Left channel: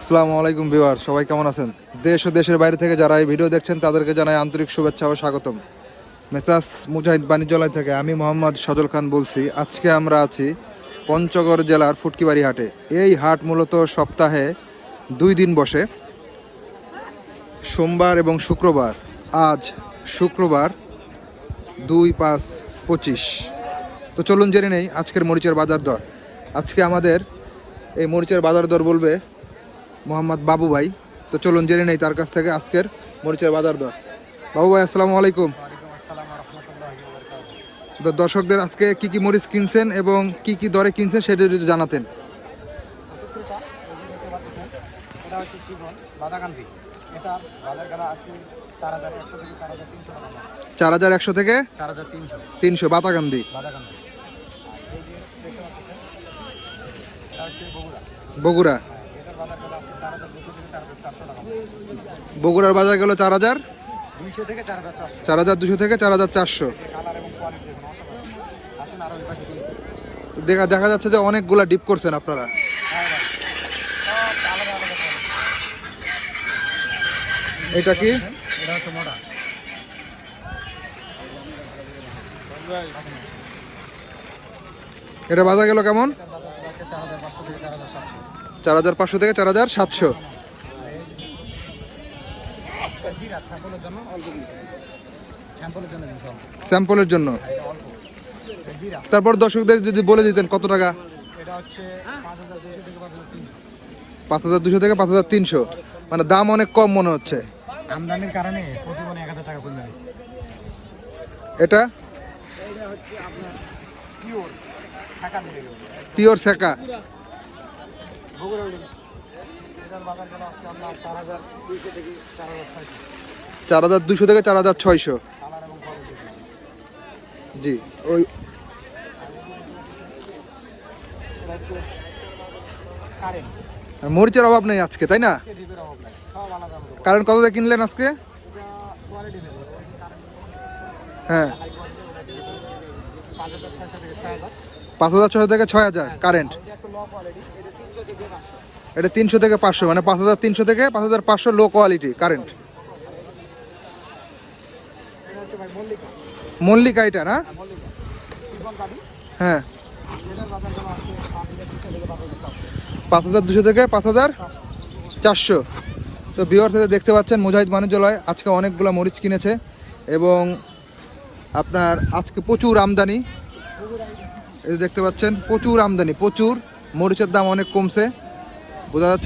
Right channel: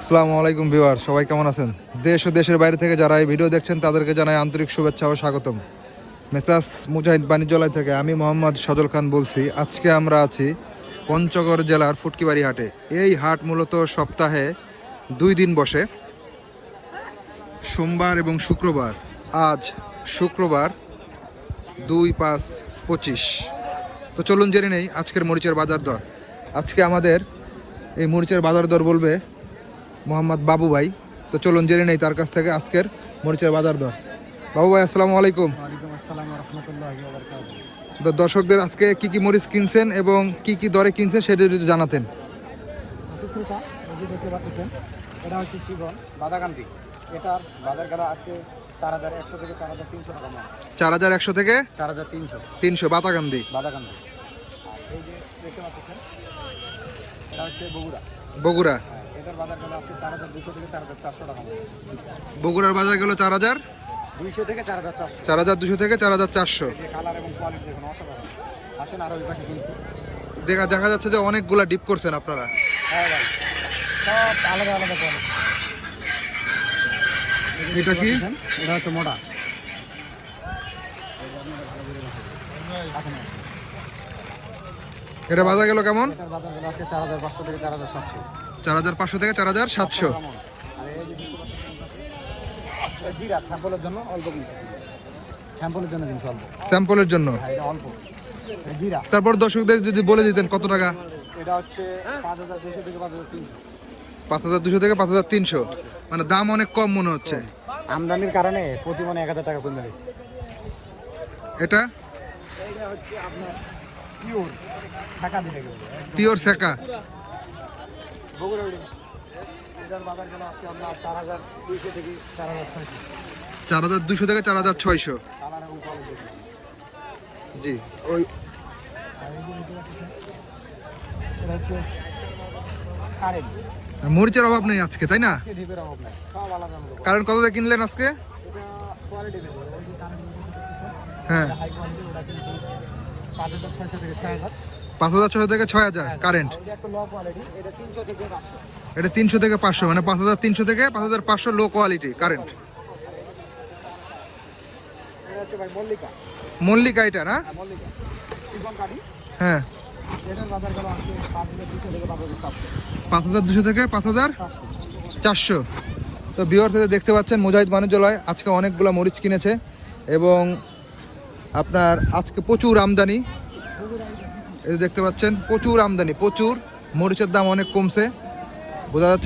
আসসালামু আলাইকুম ভিউয়ার, সবাই কেমন আছেন? দেশ ও দেশের বাইরে থেকে যারা এই ভিডিও দেখছেন, তাদেরকে জানাই আন্তরিক শুভেচ্ছা ও স্বাগতম। মেসাস মুজাহিদ বাণিজ্যালয় থেকে আমি মোহাম্মদ সজল খান বলছি, আজকে আমরা আছি পঞ্চগড় জেলার ফুটকিবাড়ি হাটে। এই হাট মূলত সপ্তাহে দুই দিন বসে। সোমবার এবং শুক্রবার, আজ শুক্রবার দুই পাঁচ পঁচিশ। তো চলুন জেনে নেই আজকের মরিচের বাজার দর। আজকে আমাদের এই মরিচের বাজার দর বলবে মোহাম্মদ বাবু ভাই। তো চলুন জেনে নেই তার কাছ থেকে আজকের মরিচের বাজার দর। বাবু ভাই আসসালামু আলাইকুম। তো দর্শকদের আজকে কি কি মরিচ কিনছেন এবং কি কি দরে কিনছেন সেটা যদি জানাতেন। সুপ্রিতা এই যে দেখতে পাচ্ছেন এটা হচ্ছে জীবন বাদাকান্দি এটার বাজার গেল আজকে চার হাজার একশো থেকে চার হাজার তিনশো টাকা চার হাজার একশো থেকে চার হাজার তিনশো। তিনশো বাতাকান্দি বাদাকান্দি আর এই যে দেখতে পাচ্ছেন এটা হচ্ছে বগুড়া। বগুড়া। বগুড়ার বাজার গেল চার হাজার? চার হাজার দুশো থেকে চার হাজার চারশো। দেখা। দেখা যাচ্ছে যে অনেকগুলা ডিপ করছেন আপনারা। হ্যাঁ এটা কি? এটা হচ্ছে মোটা। এটা বাজার গেল কেমন? চার হাজার পাঁচশো থেকে চার হাজার সাতশো। চার হাজার পাঁচশো থেকে চার হাজার সাতশো। স্যাম্পলের জন্য। তারপর দর্শকদের যদি বলে দিতেন কত টাকা? পাঁচ হাজার দুশো থেকে পাঁচ হাজার তিনশো। মানে দাম অনেক কম মনে হচ্ছে। আমদানির কারণে প্রতি মনে এক হাজার টাকা কমে গেছে। এটা? এইটা হচ্ছে আপনার পিওর পিওর শেকা বগুড়া এটার বাজার গেল আজকে আপনার চার হাজার দুশো থেকে চার হাজার ছয়শো। জি, ওই মরিচের অভাব নেই আজকে, তাই না? কারণ কত কিনলেন আজকে? হ্যাঁ। পাঁচ হাজার ছয়শো থেকে ছয় হাজার কারেন্ট এটা তিনশো থেকে পাঁচশো। মানে পাঁচ হাজার তিনশো থেকে পাঁচ হাজার পাঁচশো লো কোয়ালিটি কারেন্ট মল্লিকা। এটা না? হ্যাঁ হ্যাঁ। পাঁচ হাজার দুশো থেকে পাঁচ হাজার চারশো। তো বিহার থেকে দেখতে পাচ্ছেন মুজাহিদ বাণিজ্যালয় আজকে অনেকগুলো মরিচ কিনেছে এবং আপনার আজকে প্রচুর আমদানি। দেখতে পাচ্ছেন প্রচুর আমদানি প্রচুর। মরিচের দাম অনেক কমছে। বোঝা যাচ্ছে